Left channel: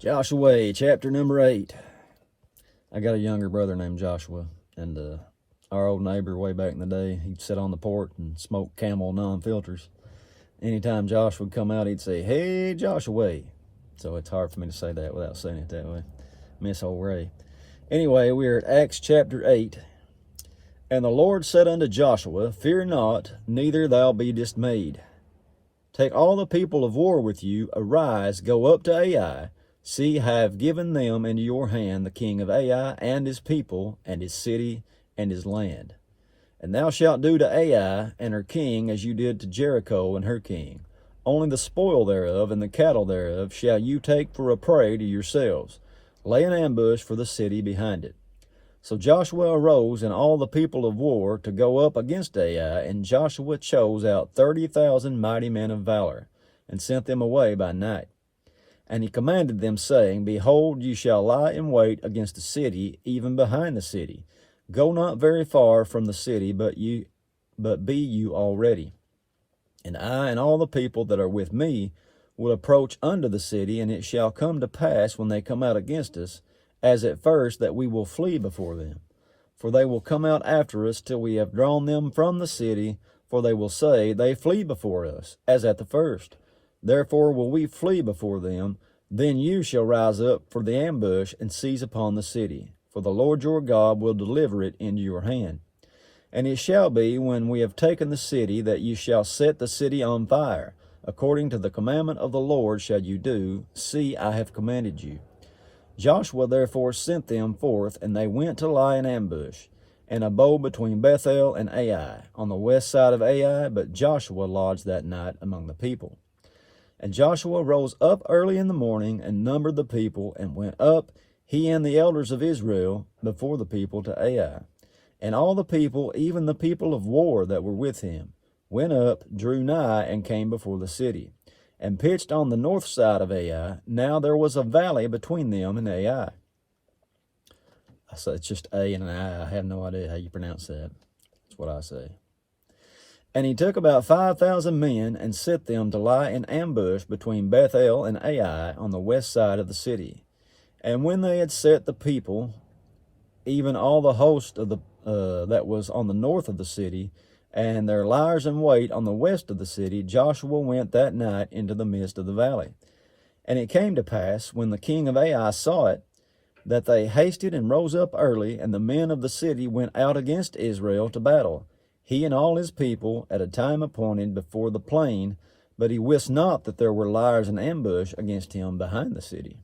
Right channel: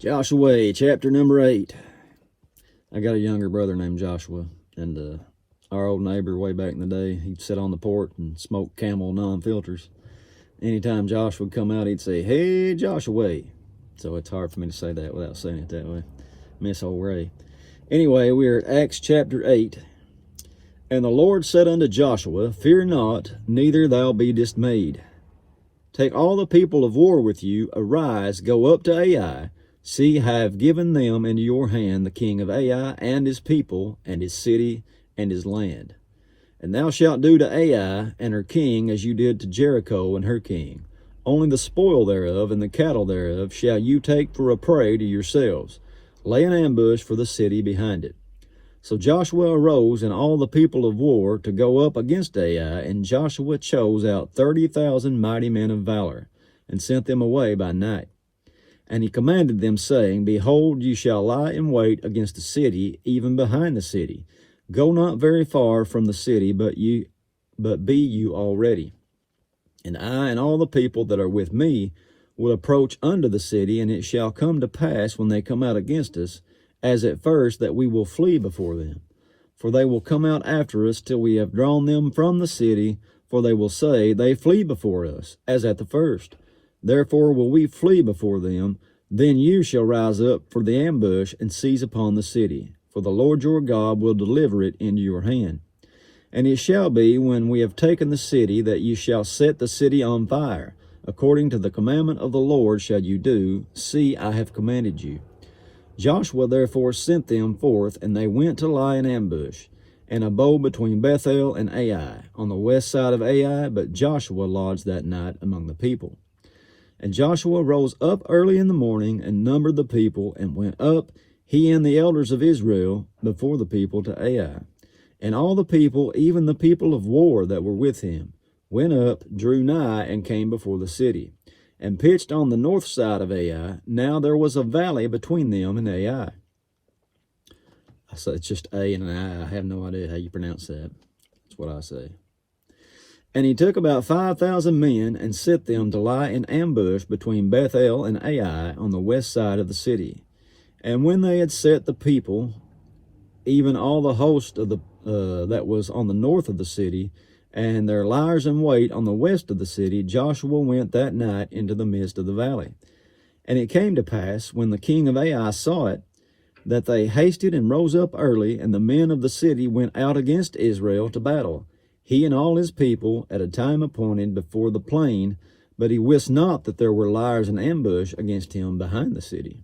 Joshua, chapter number 8. I got a younger brother named Joshua, and our old neighbor way back in the day, he'd sit on the porch and smoke Camel non-filters. Anytime Josh would come out, he'd say, "Hey, Joshua." So it's hard for me to say that without saying it that way. Miss old Ray. Anyway, we're at Acts chapter 8. And the Lord said unto Joshua, "Fear not, neither thou be dismayed. Take all the people of war with you, arise, go up to Ai. See, I have given them into your hand the king of Ai, and his people, and his city, and his land. And thou shalt do to Ai and her king as you did to Jericho and her king. Only the spoil thereof and the cattle thereof shall you take for a prey to yourselves. Lay an ambush for the city behind it." So Joshua arose and all the people of war to go up against Ai, and Joshua chose out 30,000 mighty men of valor, and sent them away by night. And he commanded them, saying, "Behold, you shall lie in wait against the city, even behind the city. Go not very far from the city, but be you already. And I and all the people that are with me will approach unto the city, and it shall come to pass when they come out against us, as at first, that we will flee before them. For they will come out after us till we have drawn them from the city, for they will say, They flee before us, as at the first. Therefore will we flee before them. Then you shall rise up for the ambush and seize upon the city, for the Lord your God will deliver it into your hand. And it shall be, when we have taken the city, that you shall set the city on fire. According to the commandment of the Lord shall you do. See, I have commanded you." Joshua therefore sent them forth, and they went to lie in ambush, and abode between Bethel and Ai, on the west side of Ai, but Joshua lodged that night among the people. And Joshua rose up early in the morning, and numbered the people, and went up, he and the elders of Israel, before the people to Ai. And all the people, even the people of war that were with him, went up, drew nigh, and came before the city, and pitched on the north side of Ai. Now there was a valley between them and Ai. I say it's just A and an I. I have no idea how you pronounce that. That's what I say. And he took about 5,000 men, and set them to lie in ambush between Bethel and Ai on the west side of the city. And when they had set the people, even all the host of that was on the north of the city, and their liers in wait on the west of the city, Joshua went that night into the midst of the valley. And it came to pass, when the king of Ai saw it, that they hasted and rose up early, and the men of the city went out against Israel to battle, he and all his people, at a time appointed before the plain, but he wist not that there were liers in ambush against him behind the city.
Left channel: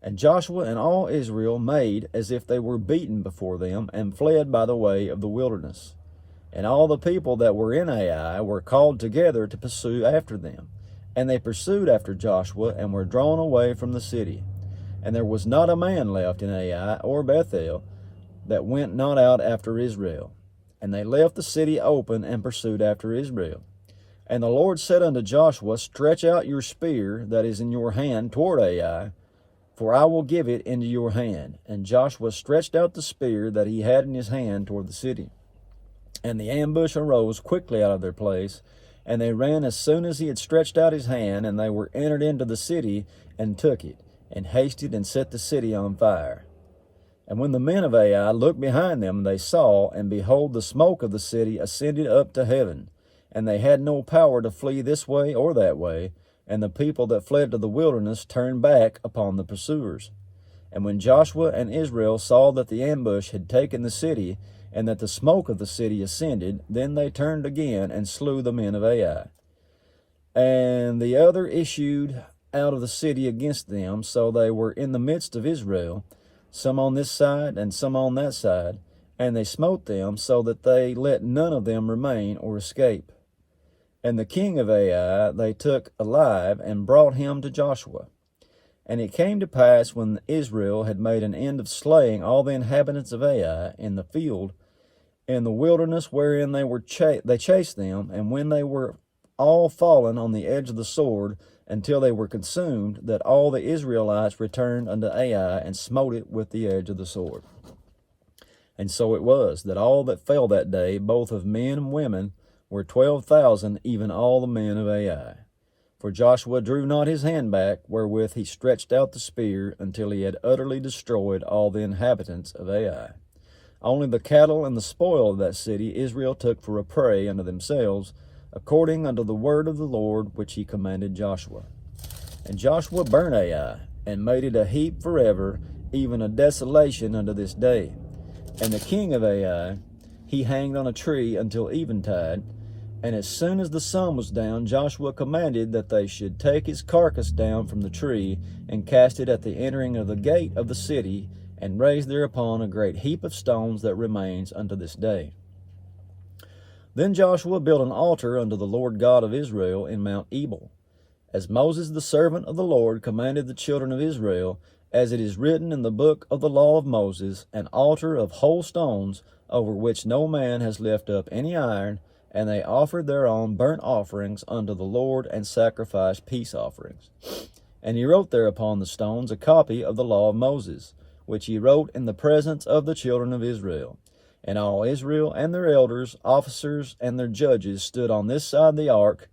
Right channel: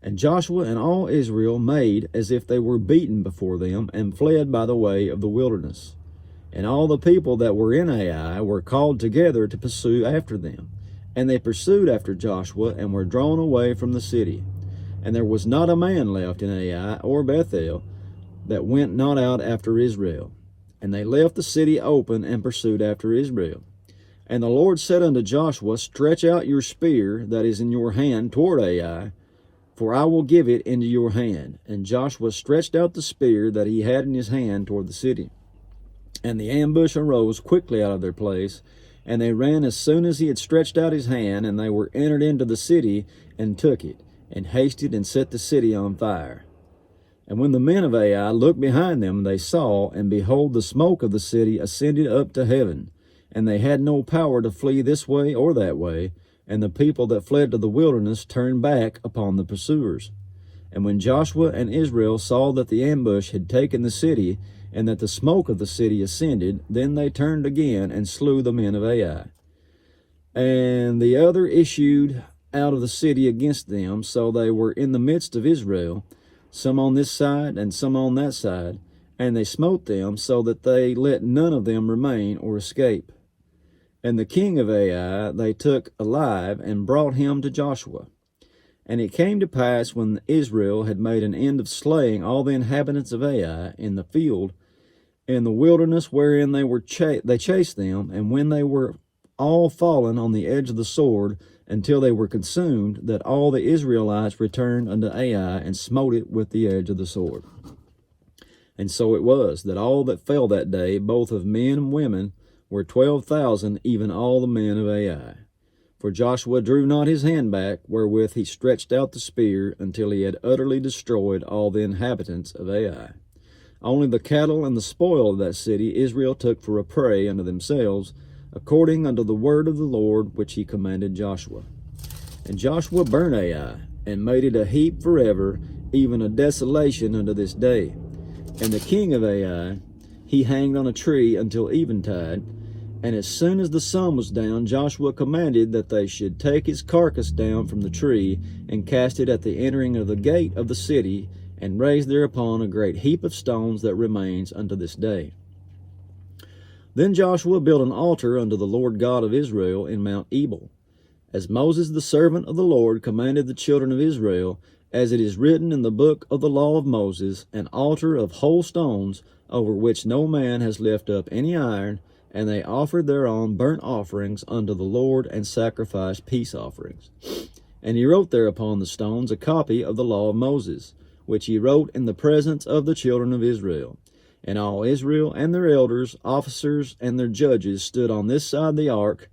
And Joshua and all Israel made as if they were beaten before them, and fled by the way of the wilderness. And all the people that were in Ai were called together to pursue after them. And they pursued after Joshua, and were drawn away from the city. And there was not a man left in Ai or Bethel that went not out after Israel. And they left the city open, and pursued after Israel. And the Lord said unto Joshua, "Stretch out your spear that is in your hand toward Ai, for I will give it into your hand." And Joshua stretched out the spear that he had in his hand toward the city. And the ambush arose quickly out of their place, and they ran as soon as he had stretched out his hand, and they were entered into the city, and took it, and hasted and set the city on fire. And when the men of Ai looked behind them, they saw, and behold, the smoke of the city ascended up to heaven, and they had no power to flee this way or that way, and the people that fled to the wilderness turned back upon the pursuers. And when Joshua and Israel saw that the ambush had taken the city, and that the smoke of the city ascended, then they turned again, and slew the men of Ai. And the other issued out of the city against them, so they were in the midst of Israel, some on this side and some on that side, and they smote them, so that they let none of them remain or escape. And the king of Ai they took alive, and brought him to Joshua. And it came to pass, when Israel had made an end of slaying all the inhabitants of Ai in the field, in the wilderness wherein they chased them, and when they were all fallen on the edge of the sword, until they were consumed, that all the Israelites returned unto Ai, and smote it with the edge of the sword. And so it was, that all that fell that day, both of men and women, were 12,000, even all the men of Ai. For Joshua drew not his hand back, wherewith he stretched out the spear, until he had utterly destroyed all the inhabitants of Ai. Only the cattle and the spoil of that city Israel took for a prey unto themselves, according unto the word of the Lord which he commanded Joshua. And Joshua burnt Ai, and made it a heap forever, even a desolation unto this day. And the king of Ai he hanged on a tree until eventide. And as soon as the sun was down, Joshua commanded that they should take his carcass down from the tree, and cast it at the entering of the gate of the city, and raise thereupon a great heap of stones that remains unto this day. Then Joshua built an altar unto the Lord God of Israel in Mount Ebal, as Moses the servant of the Lord commanded the children of Israel, as it is written in the book of the law of Moses, an altar of whole stones, over which no man has left up any iron. And they offered thereon burnt offerings unto the Lord, and sacrificed peace offerings. And he wrote there upon the stones a copy of the law of Moses, which he wrote in the presence of the children of Israel. And all Israel and their elders, officers, and their judges stood on this side the ark,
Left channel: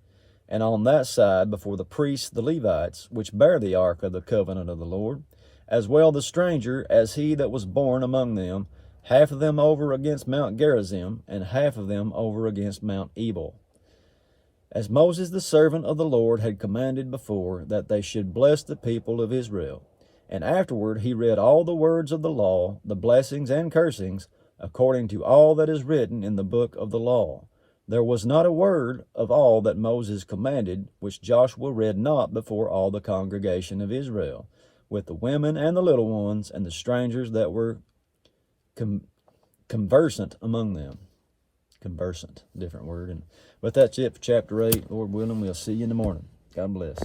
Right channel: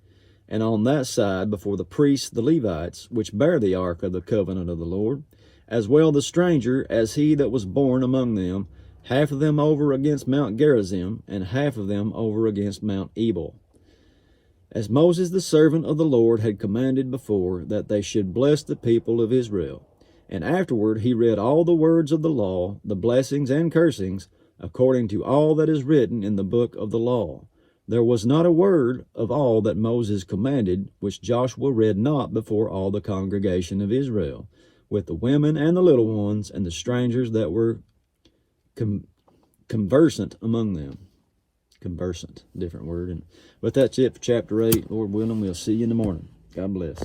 and on that side before the priests the Levites, which bear the ark of the covenant of the Lord, as well the stranger as he that was born among them, half of them over against Mount Gerizim, and half of them over against Mount Ebal. As Moses the servant of the Lord had commanded before, that they should bless the people of Israel. And afterward he read all the words of the law, the blessings and cursings, according to all that is written in the book of the law. There was not a word of all that Moses commanded, which Joshua read not before all the congregation of Israel, with the women and the little ones, and the strangers that were conversant among them. Conversant, different word. But that's it for chapter 8. Lord willing, we'll see you in the morning. God bless.